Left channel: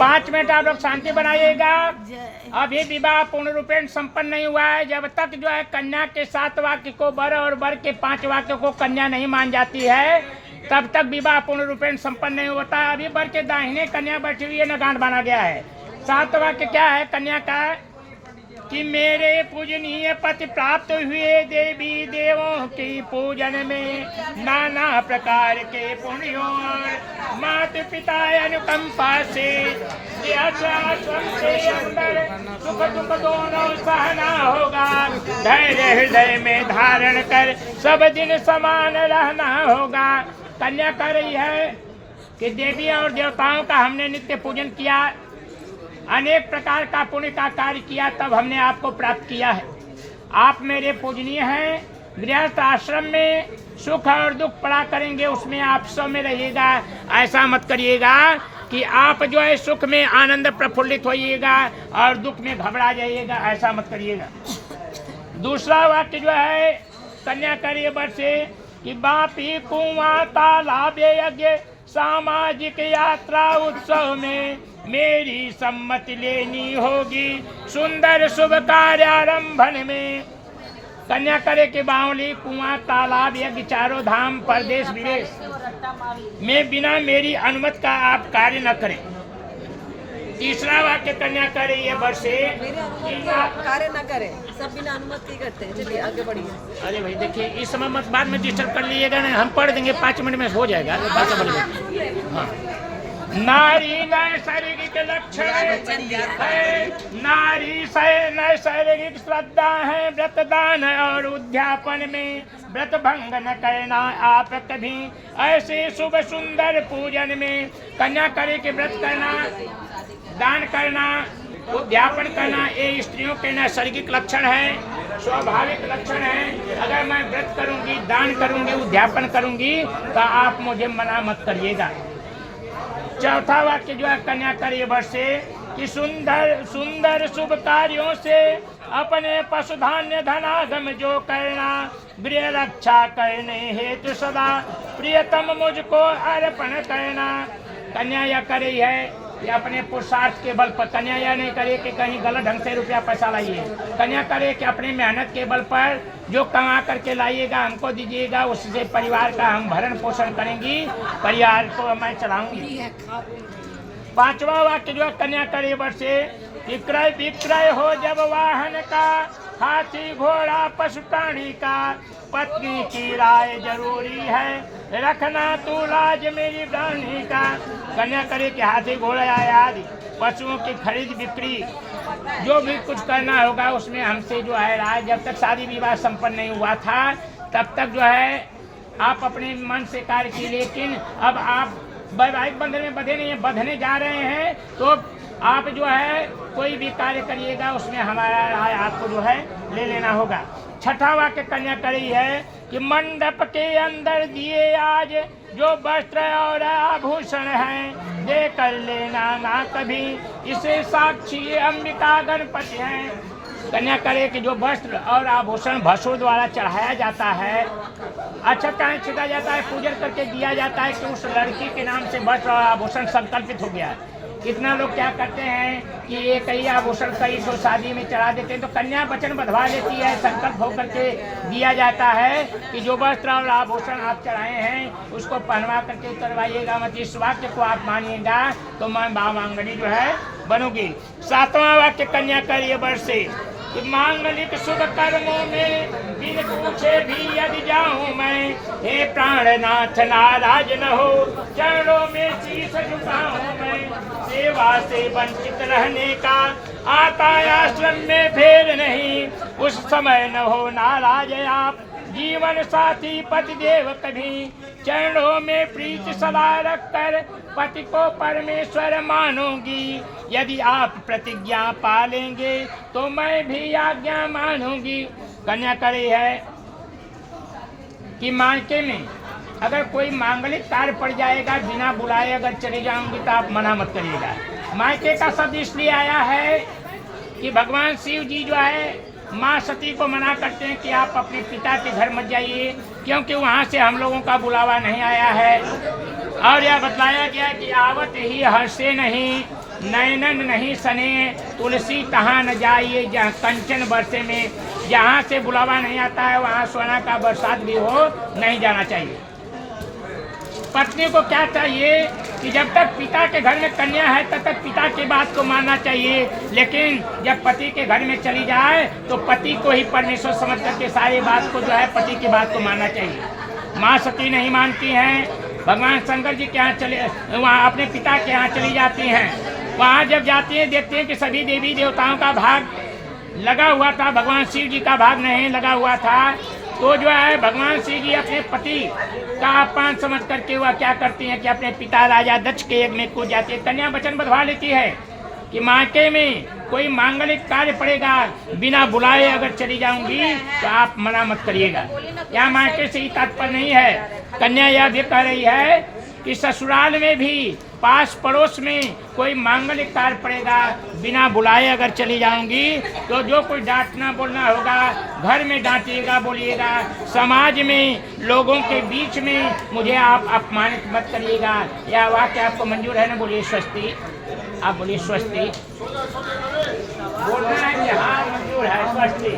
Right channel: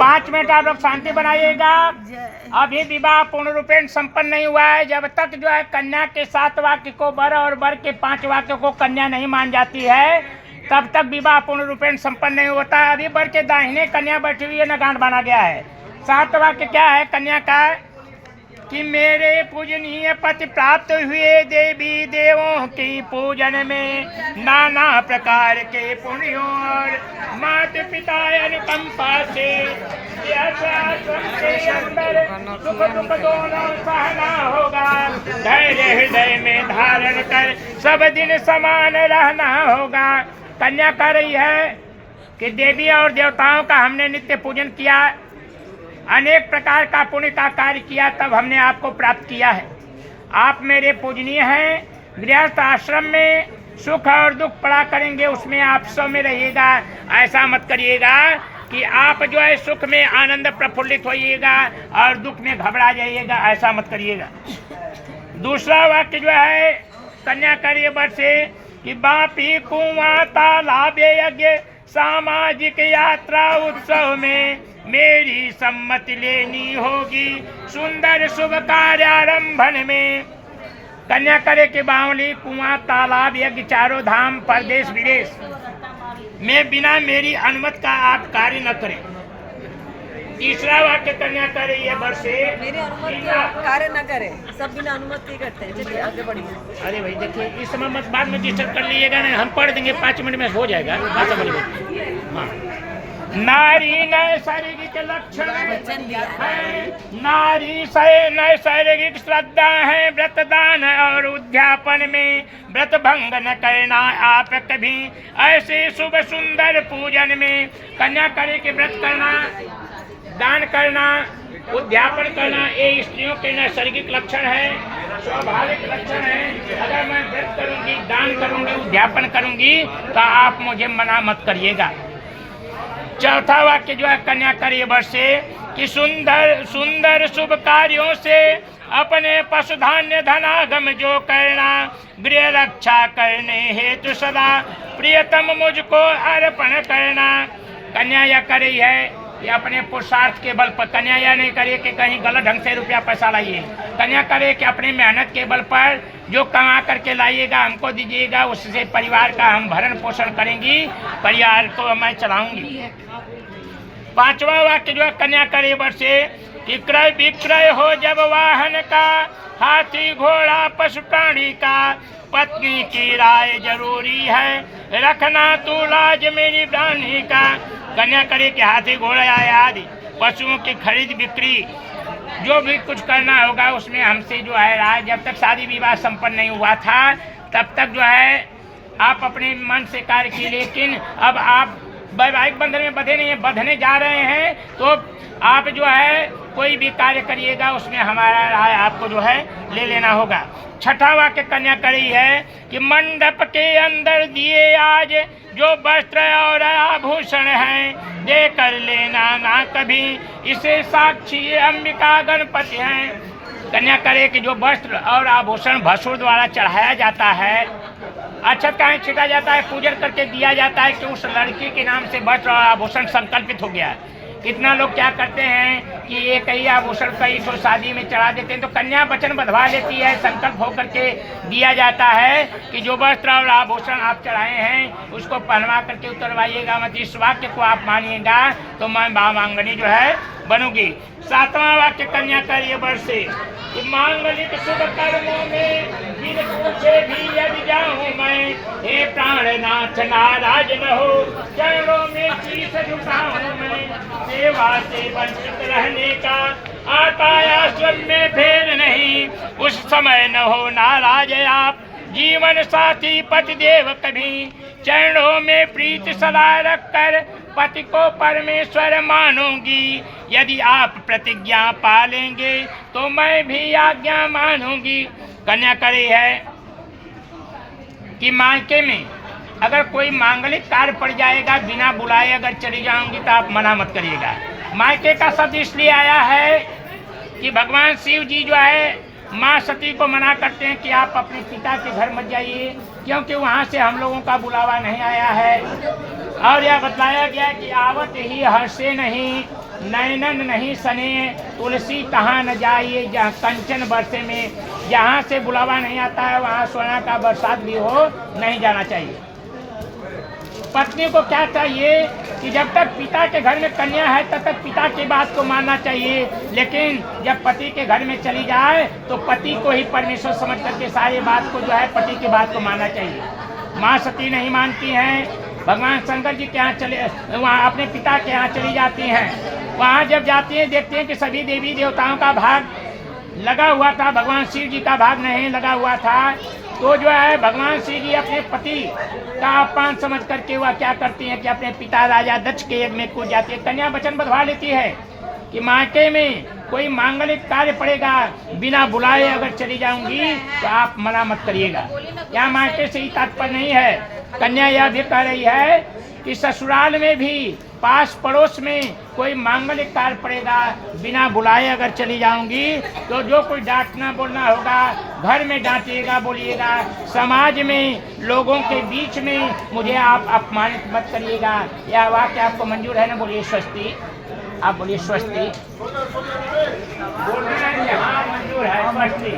5 minute आप लोग शांति बनाइएगा। अभी विवाह पूर्ण रूपेण संपन्न नहीं हुआ है। जब तक जो है कन्या के 7 वाक्य को वर और वर के 5 वाक्य को कन्या नहीं मान जाती है, तब तक विवाह पूर्ण रूपेण संपन्न नहीं होता है। अभी वर के दाहिने कन्या बैठी हुई है, न गांठ बांधा गया है। 7 वाक्य क्या है कन्या का कि मेरे पूजनीय पति प्राप्त हुए देवी देवों की पूजन में नाना प्रकार के पुण्यों और माता पिता अनुकंपा से सुख दुख दोनों सहना होगा। धैर्य हृदय में धारण कर सब दिन समान रहना होगा। कन्या कह रही है कि देवी और देवताओं का हमने नित्य पूजन किया, अनेक प्रकार का पुण्य का कार्य किया, तब हमने आपको प्राप्त किया है। आप मेरे पूजनीय हैं। गृहस्थ आश्रम में सुख और दुख पड़ा करेंगे, उसमें आप सब में रहिएगा। ऐसा मत करिएगा कि आप जो है सुख में आनंद प्रफुल्लित होइएगा और दुख में घबरा जाइएगा, ऐसा मत करिएगा। दूसरा वाक्य जो है कन्या करिए वर से कि बापी कुआं तालाब यज्ञ सामाजिक यात्रा उत्सव में मेरी सम्मति लेनी होगी। सुंदर शुभ कार्यारंभन में कन्या करे के बावली कुआं तालाब यज्ञ चारों धाम परदेश विदेश में बिना मेरी अनुमति का आप कार्य न करें। तीसरा वाक्य कन्या करे ये वर्ष से कार्य न करें, सब बिना अनुमति करते हैं। चलिए आगे बढ़िए। अरे भाई देखिए, इस समय मत बाद में डिस्टर्ब कर लीजिएगा ना, हम पढ़ देंगे 5 मिनट में हो जाएगा। नारी नैसर्गिक लक्षण है, नारी नैसर्गिक श्रद्धा है। व्रतदान और उद्यापन में व्रत भंग न करना आप कभी। ऐसे शुभ सुंदर पूजन में कन्या करे के व्रत करना, दान करना, उद्यापन करना, ये स्त्रियों के नैसर्गिक लक्षण है, स्वाभाविक लक्षण है। अगर मैं व्रत करूंगी, दान करूंगी, उद्यापन करूंगी तो आप मुझे मना मत करिएगा। चौथा वाक्य जो है कन्या करिए वर्ष से कि सुंदर सुंदर शुभ कार्यों से अपने पशुधान्य धनागम जो करना, गृह रक्षा करने हेतु सदा प्रियतम मुझको अर्पण करना। कन्या यह करी है कि अपने पुरुषार्थ के बल पर, कन्या यह नहीं करे कि कहीं गलत ढंग से रुपया पैसा लाइए। कन्या करे कि अपनी मेहनत के बल पर जो कमा करके लाइएगा हमको दीजिएगा, उससे परिवार का हम भरण पोषण करेंगी, परिवार को मैं चलाऊंगी। 5वां वाक्य जो है कन्या करे वर्ष से कि क्रय विक्रय हो जब वाहन का, हाथी घोड़ा पशु प्राणी का, पत्नी की राय जरूरी है, रखना तू लाज मेरी प्राणी का। कन्या करे कि हाथी घोड़ा आदि पशुओं की खरीद बिक्री जो भी कुछ करना होगा उसमें हमसे जो है राय, जब तक शादी विवाह संपन्न नहीं हुआ था तब तक जो है आप अपने मन से कार्य किए, लेकिन अब आप वैवाहिक बंधन में बंधे नहीं, बंधने जा रहे हैं तो आप जो है कोई भी कार्य करिएगा उसमें हमारा राय आपको जो है ले लेना होगा। 6वां वाक्य कन्या करी है कि मंडप के अंदर दिए आज जो वस्त्र और आभूषण हैं, दे कर लेना ना कभी, इसे साक्षी अंबिका गणपति हैं। कन्या करे कि जो वस्त्र और आभूषण भसुर द्वारा चढ़ाया जाता है, अक्षत कहीं छिटा जाता है, पूजन करके दिया जाता है कि उस लड़की के नाम से वस्त्र और आभूषण संकल्पित हो गया है। कितना लोग क्या करते हैं कि एक ही आभूषण कई को शादी में चढ़ा देते हैं, तो कन्या वचन बंधवा लेती है, संकल्प होकर के दिया जाता है कि जो वस्त्र और आभूषण आप चढ़ाए हैं उसको पहनवा करके उतरवाइएगा मत। इस वाक्य को आप मानिएगा तो मैं मांगनी जो है बनूंगी। 7वां वाक्य कन्या करिए वर्ष से कि मांगलिक शुभ कर्मों में बिन पूछे भी यदि जाऊं मैं, हे प्राणनाथ नाराज न हो, चरणों में शीश झुकाऊं मैं। सेवा से वंचित रहने का आता आश्रम में भेद नहीं, उस समय न हो नाराज आप, जीवन साथी पति देव कभी। चरणों में प्रीति सदा रख कर पति को परमेश्वर मानूंगी, यदि आप प्रतिज्ञा पालेंगे तो मैं भी आज्ञा मानूंगी। कन्या करे है कि मायके में अगर कोई मांगलिक कार्य पड़ जाएगा, बिना बुलाए अगर चली जाऊंगी तो आप मना मत करिएगा। मायके का शब्द इसलिए आया है कि भगवान शिव जी जो है माँ सती को मना करते हैं कि आप अपने पिता के घर मत जाइए, क्योंकि वहाँ से हम लोगों का बुलावा नहीं आया है। और यह बतलाया गया कि आवत ही हंसे नहीं, नैनन नहीं सने, तुलसी तहाँ न जाइए जहाँ कंचन बरसे में। जहाँ से बुलावा नहीं आता है वहाँ सोना का बरसात भी हो नहीं जाना चाहिए। पत्नी को क्या चाहिए कि जब तक पिता के घर में कन्या है तब तक पिता की बात को मानना चाहिए, लेकिन जब पति के घर में चली जाए तो पति को ही परमेश्वर समझ करके सारी बात को जो है पति की बात को मानना चाहिए। माँ सती नहीं मानती हैं, भगवान शंकर जी के यहाँ चले, वहाँ अपने पिता के यहाँ चली जाती हैं। वहाँ जब जाती हैं देखते हैं कि सभी देवी देवताओं का भाग लगा हुआ था, भगवान शिव जी का भाग नहीं लगा हुआ था। तो जो है भगवान श्री जी अपने पति का अपमान समझ करके वह क्या करती हैं कि अपने पिता राजा दक्ष के यज्ञ में कूद जाती है। कन्या वचन बंधवा लेती है कि मायके में कोई मांगलिक कार्य पड़ेगा, बिना बुलाए अगर चली जाऊंगी तो आप मना मत करिएगा। यहाँ मायके से ही तात्पर्य नहीं है, कन्या यह भी कह रही है कि ससुराल में भी पास पड़ोस में कोई मांगलिक कार्य पड़ेगा, बिना बुलाए अगर चली जाऊंगी तो जो कुछ डांटना बोलना होगा घर में डांटिएगा, बोलिएगा, समाज में लोगों के बीच में मुझे आप अपमानित मत करिएगा। यह वाक्य आपको मंजूर है ना? बोलिए स्वस्ति। आप बोलिए स्वस्ति। बोलना है हाँ मंजूर है, स्वस्ति।